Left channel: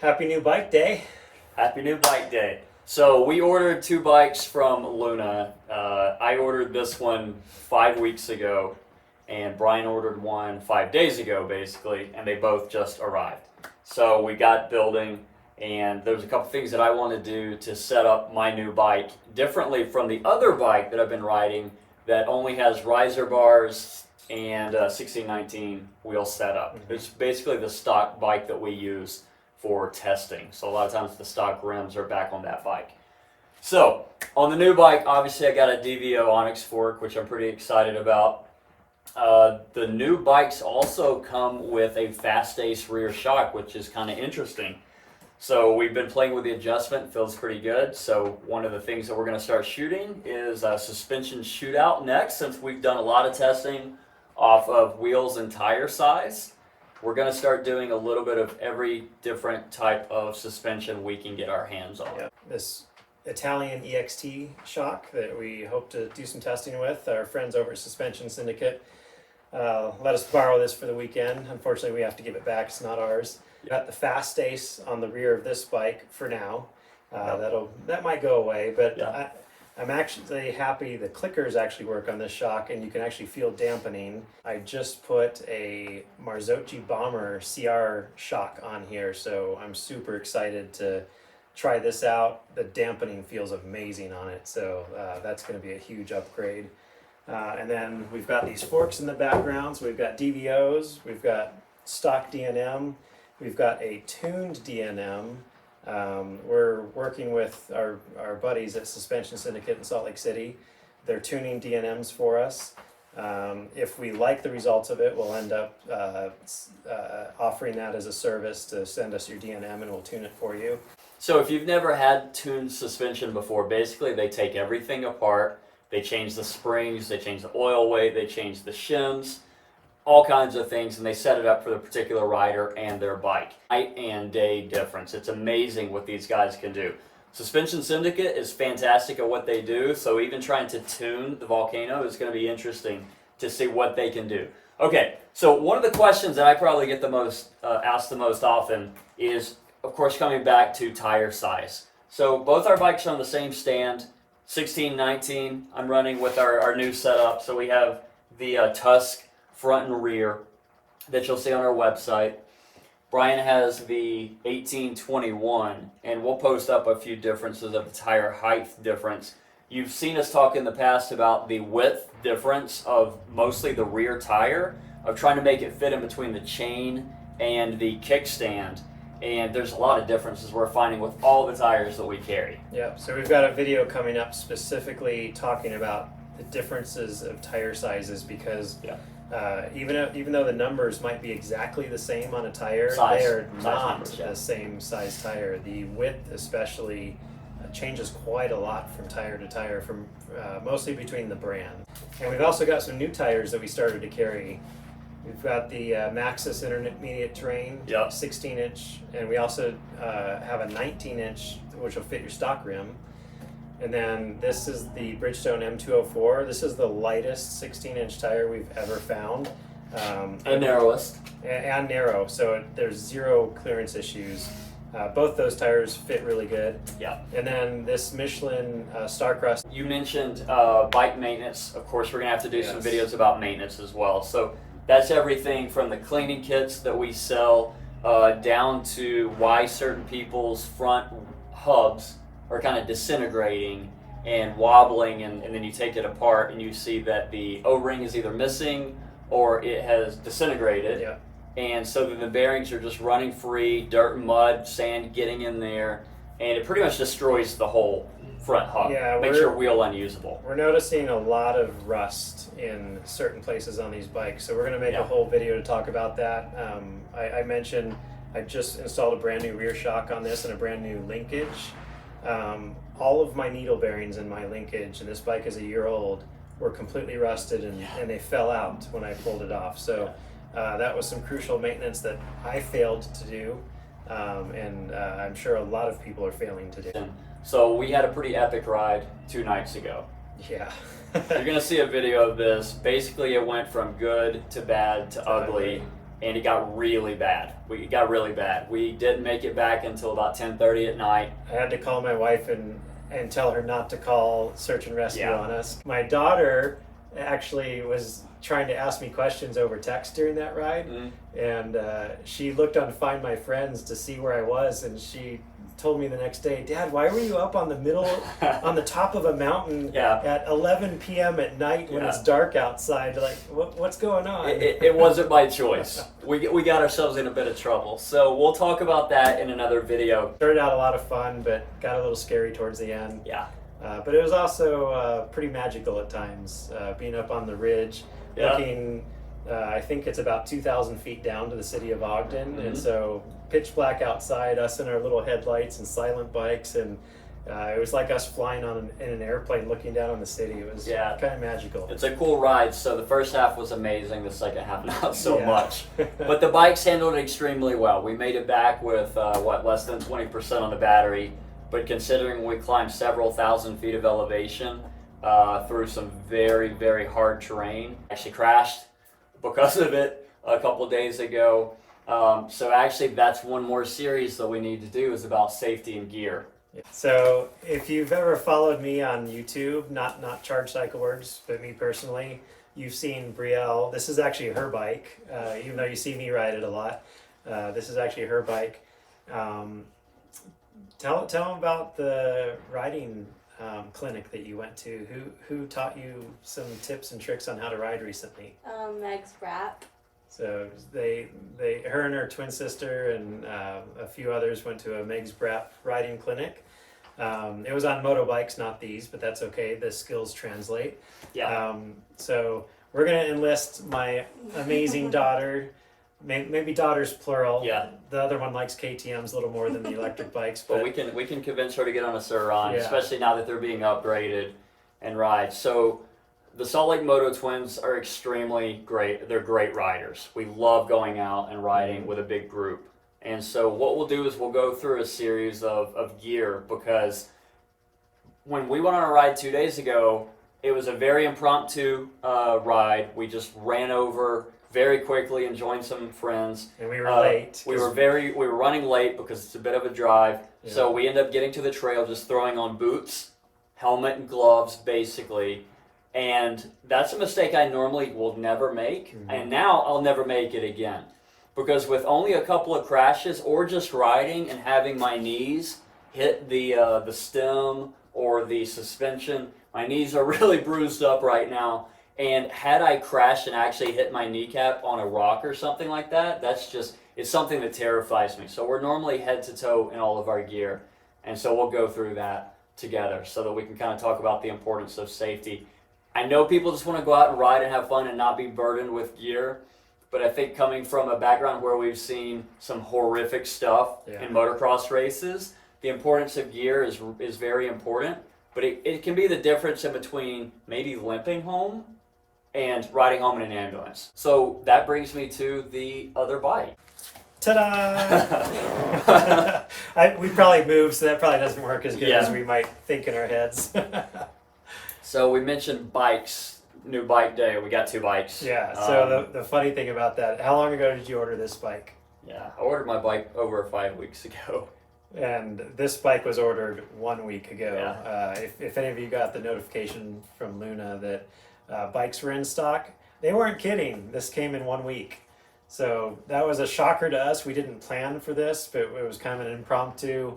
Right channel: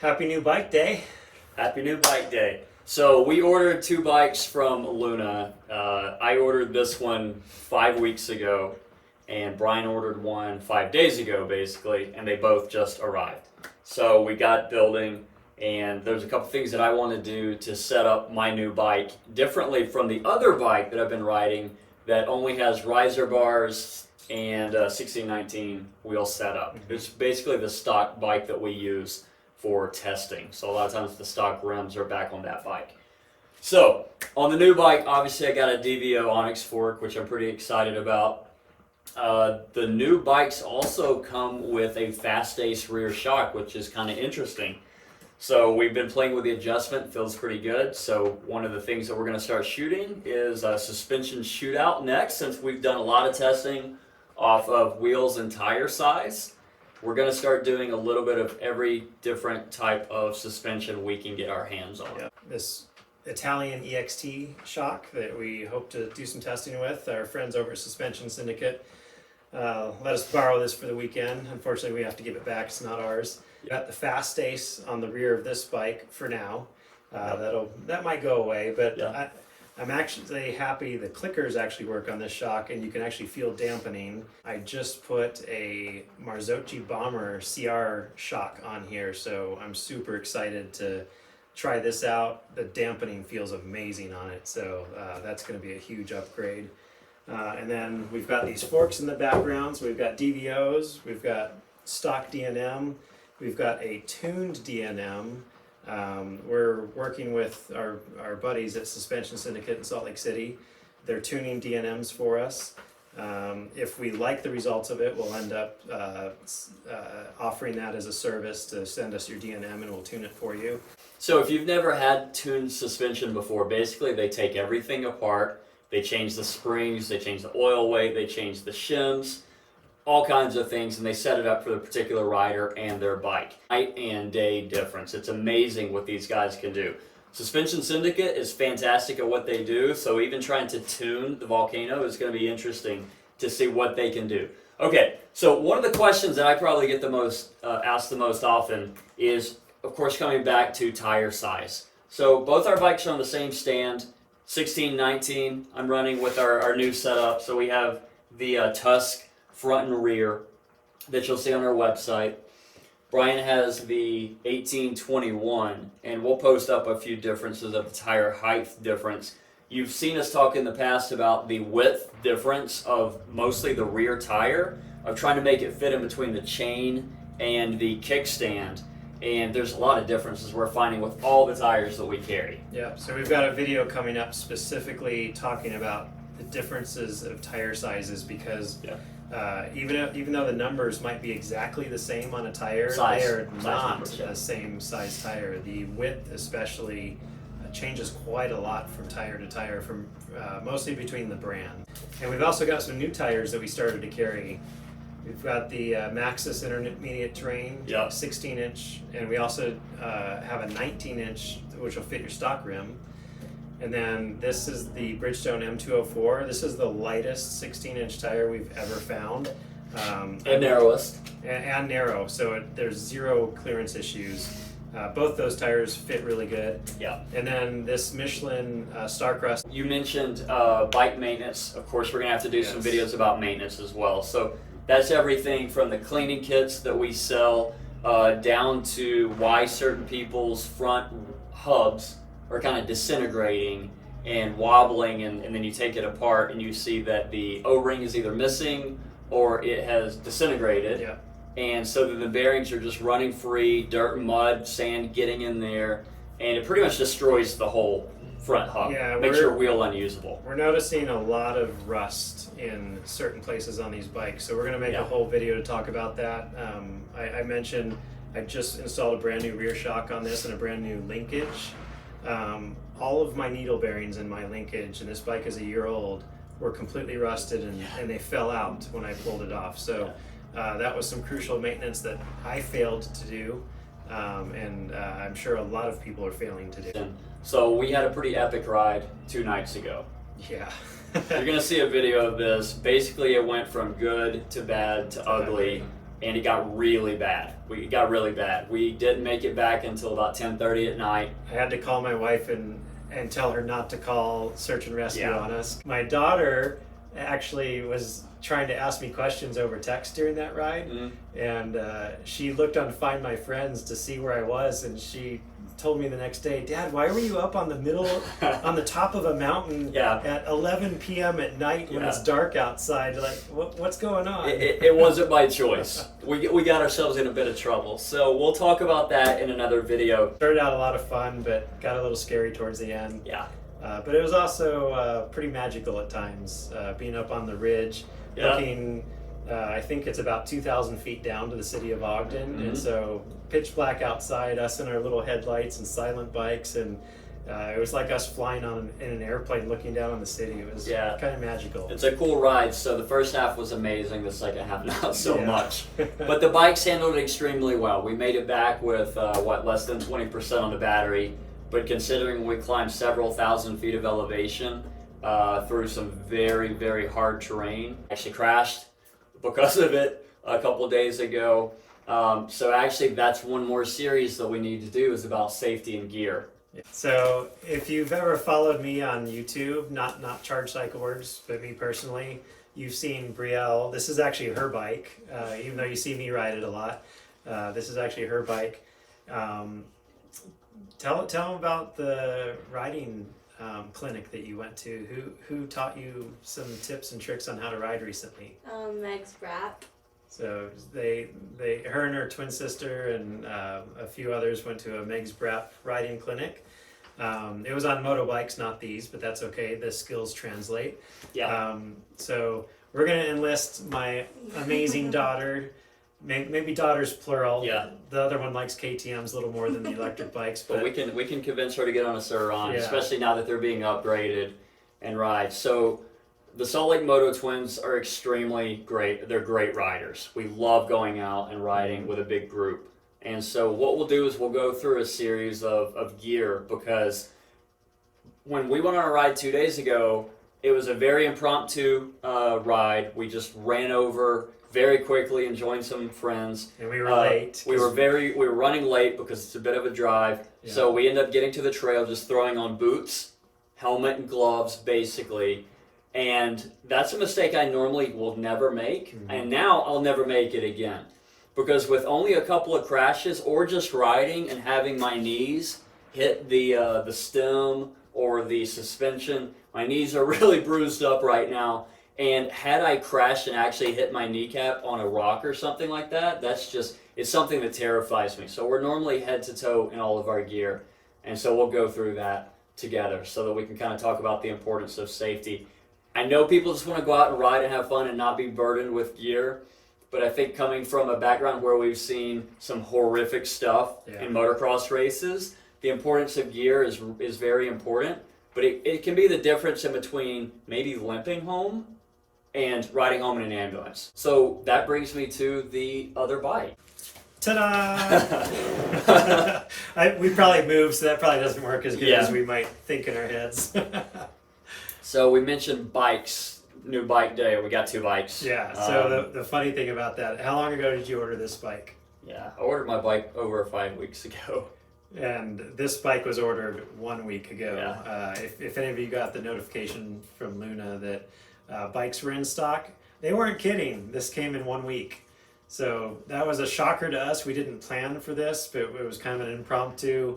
Happy new bike day. Happy new bike day. So we ordered 2 bikes from Luna. I ordered this one 5 weeks ago, and Brian ordered one 5 days ago, basically, and they both just arrived. So we got building, and there's a couple things that I want to do to set up my new bike differently from the other bike that I've been riding that only has riser bars and 1619 wheel setup. It's basically the stock bike that we use for testing. So a lot of times the stock rims are back on that bike. So on the new bike, obviously I got a DVO Onyx fork, which I'm pretty excited about. The new bikes also come with a fast ace rear shock, which is kind of interesting. So we've been playing with the adjustment, feels pretty good. So one of the things that we're going to start shooting is a suspension shootout next, since we've done a lot of testing off of wheels and tire size. We're going to start doing a little bit of every different type of suspension we can get our hands on. Yeah. This Italian EXT shock that we hope to do some testing with. Our friends over at Suspension Syndicate let us borrow this for the weekend. Unfortunately, we have to give it back. It's not ours. We got the fast ace on the rear of this bike for now. That might go away, but I'm actually happy the clickers actually work on this shock, and you can actually feel dampening. I just put a Marzocchi Bomber CR shock on here, so I'm super excited to try this out. The dampening feels amazing on it, so that's going to be a huge upgrade. And then we've got these forks in the background, so we've got DVOs, we've got stock DNM, we've got a tuned DNM. We're working with our buddies at Suspension Syndicate in Salt Lake City. They're tuning DNMs for us. If we like the results of it, we'll end up offering that as a service to send us your DNM and we'll tune it for you. So if you've never had tuned suspension before, basically they take everything apart, they change the springs, they change the oil weight, they change the shims, all kinds of things, and they set it up for the particular rider and their bike. Night and day difference. It's amazing what these guys can do. Suspension Syndicate is fantastic at what they do, so even trying to tune the Volcano is going to be interesting to see what they can do. Okay, so one of the questions that I probably get the most asked the most often is, of course, coming back to tire size. So both our bikes are on the same stand, 16-19. I'm running with our new setup, so we have the Tusk front and rear that you'll see on our website. Brian has the 1821, and we'll post up a few differences of the tire height difference. You've seen us talk in the past about the width difference of mostly the rear tire, of trying to make it fit in between the chain and the kickstand. And there's a lot of differences we're finding with all the tires that we carry. Yeah, so we've got a video coming up specifically talking about the differences of tire sizes, because even though the numbers might be exactly the same on a tire, they are not the same size tire. The width especially changes quite a lot from tire to tire, from mostly between the brand. And we've also got some new tires that we started to carry. We've got the Maxxis Intermediate Terrain, 16-inch, and we also have a 19-inch, which will fit your stock rim. And then this is the Bridgestone M204. This is the lightest 16-inch tire we've ever found. And narrowest. And narrow, so there's zero clearance issues. Both those tires fit really good. Yeah. And then this Michelin Starcross. You mentioned bike maintenance. Of course, we're going to have to do some videos about maintenance as well. So that's everything from the cleaning kits that we sell down to why certain people's front hubs are kind of disintegrating and wobbling, and then you take it apart and you see that the O-ring is either missing or it has disintegrated. Yeah. And so then the bearings are just running free, dirt and mud, sand getting in there, and it pretty much destroys the whole front hub. Yeah, makes your wheel unusable. We're noticing a lot of rust in certain places on these bikes, so we're going to make a whole video to talk about that. I mentioned I just installed a brand new rear shock on this and a brand new linkage. All of my needle bearings in my linkage, and this bike is a year old, were completely rusted and they fell out when I pulled it off. So that was some crucial maintenance that I failed to do, and I'm sure a lot of people are failing to do. So we had a pretty epic ride 2 nights ago. Yeah. You're going to see a video of this. Basically, it went from good to bad to ugly and it got really bad. It got really bad. We didn't make it back until about 10:30 at night. I had to call my wife and tell her not to call search and rescue Yeah. on us. My daughter actually was trying to ask me questions over text during that ride, and she looked on Find My Friends to see where I was, and she told me the next day, Dad, why were you up on on the top of a mountain at 11 p.m. at night when it's dark outside? Like, what's going on? It wasn't my choice. We got ourselves in a bit of trouble. So we'll talk about that in another video. Started out a lot of fun, but got a little scary towards the end. Yeah. But it was also pretty magical at times, being up on the ridge, looking, I think it's about 2,000 feet down to the city of Ogden, and so pitch black outside, us in our little headlights and silent bikes, and it was like us flying in an airplane looking down on the city. It was kind of magical. It's a cool ride. So the first half was amazing, the second half not so much. But the bikes handled it extremely well. We made it back with, less than 20% on the battery. But considering we climbed several thousand feet of elevation through some very, very hard terrain, actually crashed because of it a couple of days ago. So actually that's one more series that we need to do is about safety and gear. So if you've ever followed me on YouTube, not Charge Cycle Works, but me personally, you've seen Brielle. This is actually her bike, even though you see me ride it a lot. This is actually her bike. Tell them about the riding clinic that you went to. Who taught you some tips and tricks on how to ride recently? Meg's Brap. So her and her twin sister and a few others went to a Meg's Brap riding clinic. It was on motorbikes, not these, but that's okay. The skills translate. Yeah. So we're gonna enlist my amazing daughter. Maybe daughters plural. Yeah. The other one likes KTM's a little more than the electric bikes. But we can convince her to get on a Surron, especially now that they're being upgraded and ride. So the Salt Lake Moto Twins are extremely great. They're great riders. We love going out and riding with a big group. And so what we'll do is we'll go through a series of gear, because when we went on a ride 2 days ago, it was a very impromptu ride. We just ran over very quickly and joined some friends. And we were late. We were running late because it's a bit of a drive. Yeah. So we ended up getting to the trail just throwing on boots, helmet and gloves basically. And that's a mistake I normally will never make. And now I'll never make it again. Because with only a couple of crashes or just riding and having my knees hit the stem or the suspension, my knees are really bruised up right now. And had I crashed and actually hit my kneecap on a rock or something like that, it's something that terrifies me. So we're normally head to toe in all of our gear. And so we'll go through that together so that we can kind of talk about the importance of safety. I know people just want to go out and ride and have fun and not be burdened with gear. But I think coming from a background where we've seen some horrific stuff in motocross races, the importance of gear is very important. But it can be the difference in between maybe limping home and riding home in an ambulance. So that brings me to the other bike. Ta-da! We probably moved, so that probably doesn't work as good as we might think in our heads. So we mentioned bikes, new bike day. We got 2 bikes. Yeah, so the funny thing about that, how long ago did you order this bike? Yeah, I ordered my bike over 5 weeks ago. And this bike was ordered 1 week ago. Yeah. If any of you got the notification from Luna that bikes were in stock, they weren't kidding. This came in 1 week. So that was a shocker to us. We didn't plan for this, but it was kind of an impromptu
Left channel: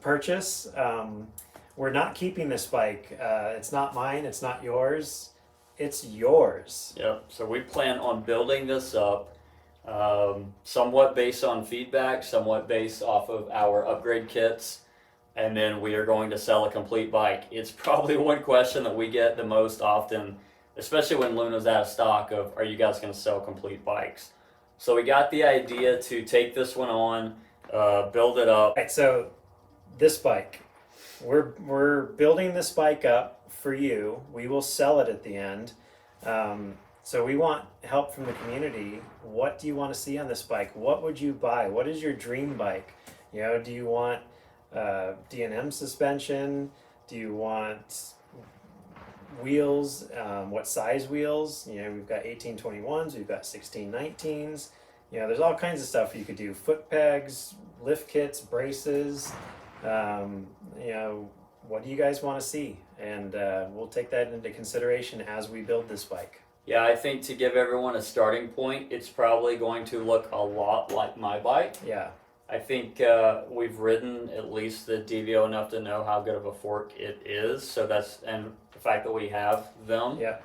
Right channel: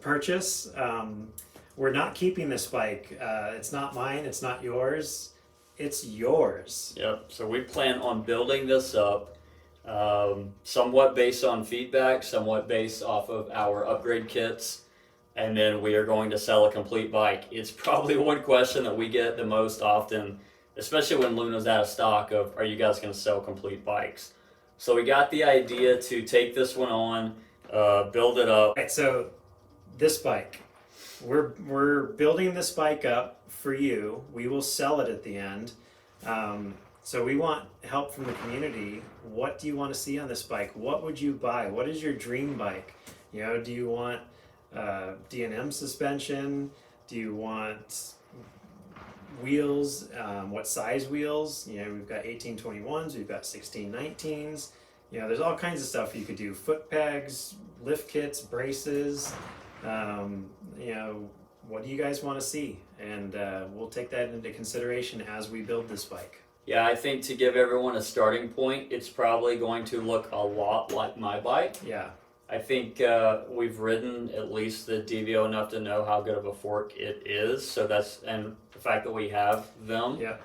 purchase. We're not keeping this bike. It's not mine, it's not yours. It's yours. Yep, so we plan on building this up somewhat based on feedback, somewhat based off of our upgrade kits, and then we are going to sell a complete bike. It's probably one question that we get the most often, especially when Luna's out of stock, of are you guys going to sell complete bikes? So we got the idea to take this one on, build it up. Right, so this bike, we're building this bike up for you. We will sell it at the end. So we want help from the community. What do you want to see on this bike? What would you buy? What is your dream bike? You know, do you want D&M suspension? Do you want wheels, what size wheels. We've got 1821s, we've got 1619s. There's all kinds of stuff you could do. Foot pegs, lift kits, braces. What do you guys want to see? And we'll take that into consideration as we build this bike. Yeah, I think to give everyone a starting point, it's probably going to look a lot like my bike. Yeah. I think we've ridden at least the DVO enough to know how good of a fork it is. So and the fact that we have them. Yeah.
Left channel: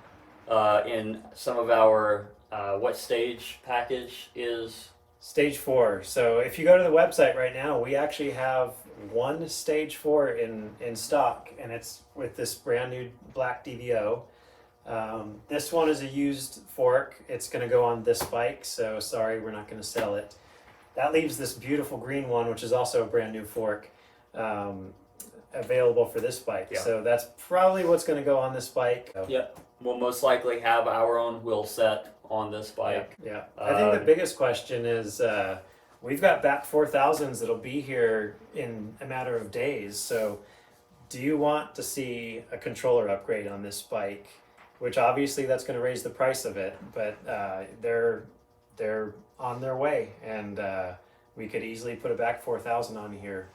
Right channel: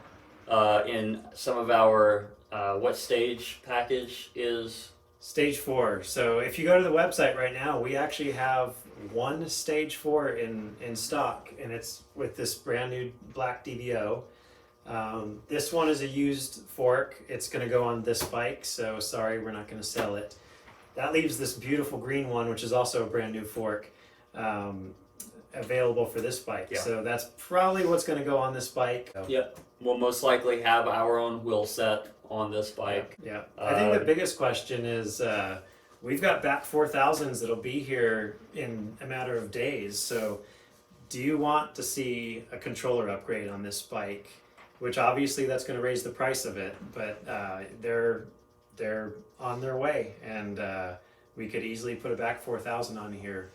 In some of our, what stage package is? Stage 4. So if you go to the website right now, we actually have one Stage 4 in stock, and it's with this brand new black DVO. This one is a used fork. It's going to go on this bike, so sorry, we're not going to sell it. That leaves this beautiful green one, which is also a brand new fork, available for this bike. Yeah. So that's probably what's going to go on this bike. Yep. We'll most likely have our own wheel set on this bike. Yeah. I think the biggest question is we've got back 4000s that'll be here in a matter of days. So do you want to see a controller upgrade on this bike? Which obviously that's going to raise the price of it, but they're on their way, and we could easily put a back 4000 on here.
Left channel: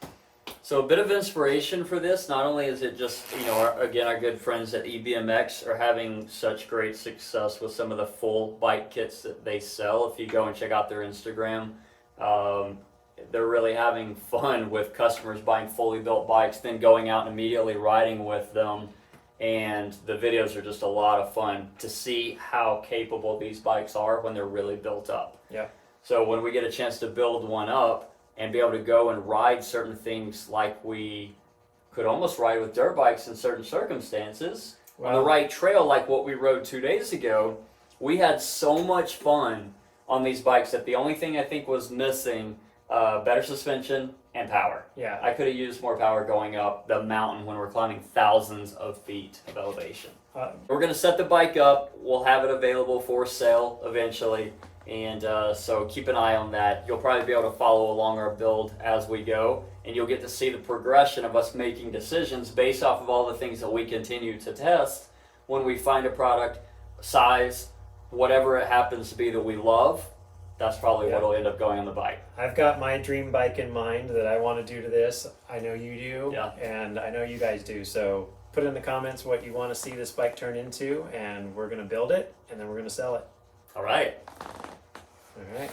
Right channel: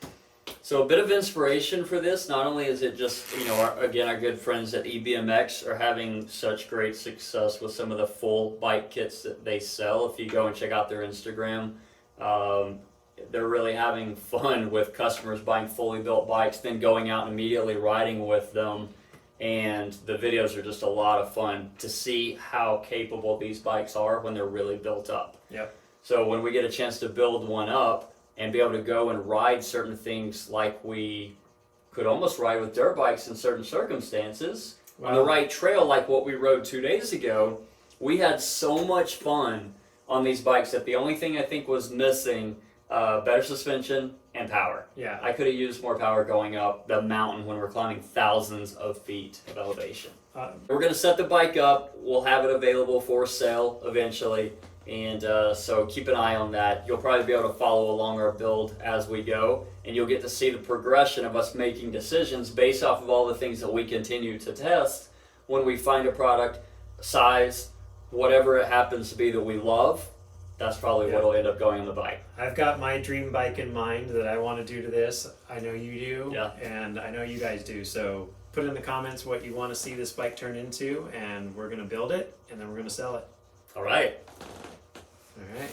So a bit of inspiration for this, not only is it just, our good friends at EBMX are having such great success with some of the full bike kits that they sell. If you go and check out their Instagram, they're really having fun with customers buying fully built bikes, then going out and immediately riding with them. And the videos are just a lot of fun to see how capable these bikes are when they're really built up. Yep. So when we get a chance to build one up and be able to go and ride certain things like we could almost ride with dirt bikes in certain circumstances, on the right trail like what we rode 2 days ago, we had so much fun on these bikes that the only thing I think was missing, better suspension and power. Yeah. I could have used more power going up the mountain when we're climbing thousands of feet of elevation. We're going to set the bike up. We'll have it available for sale eventually. And so keep an eye on that. You'll probably be able to follow along our build as we go. And you'll get to see the progression of us making decisions based off of all the things that we continue to test when we find a product, size, whatever it happens to be that we love. That's probably what will end up going on the bike. I've got my dream bike in mind that I want to do to this. I know you do, Yeah. and I know you guys do. So put in the comments what you want to see this bike turn into, and we're going to build it, and then we're going to sell it. All right. All right.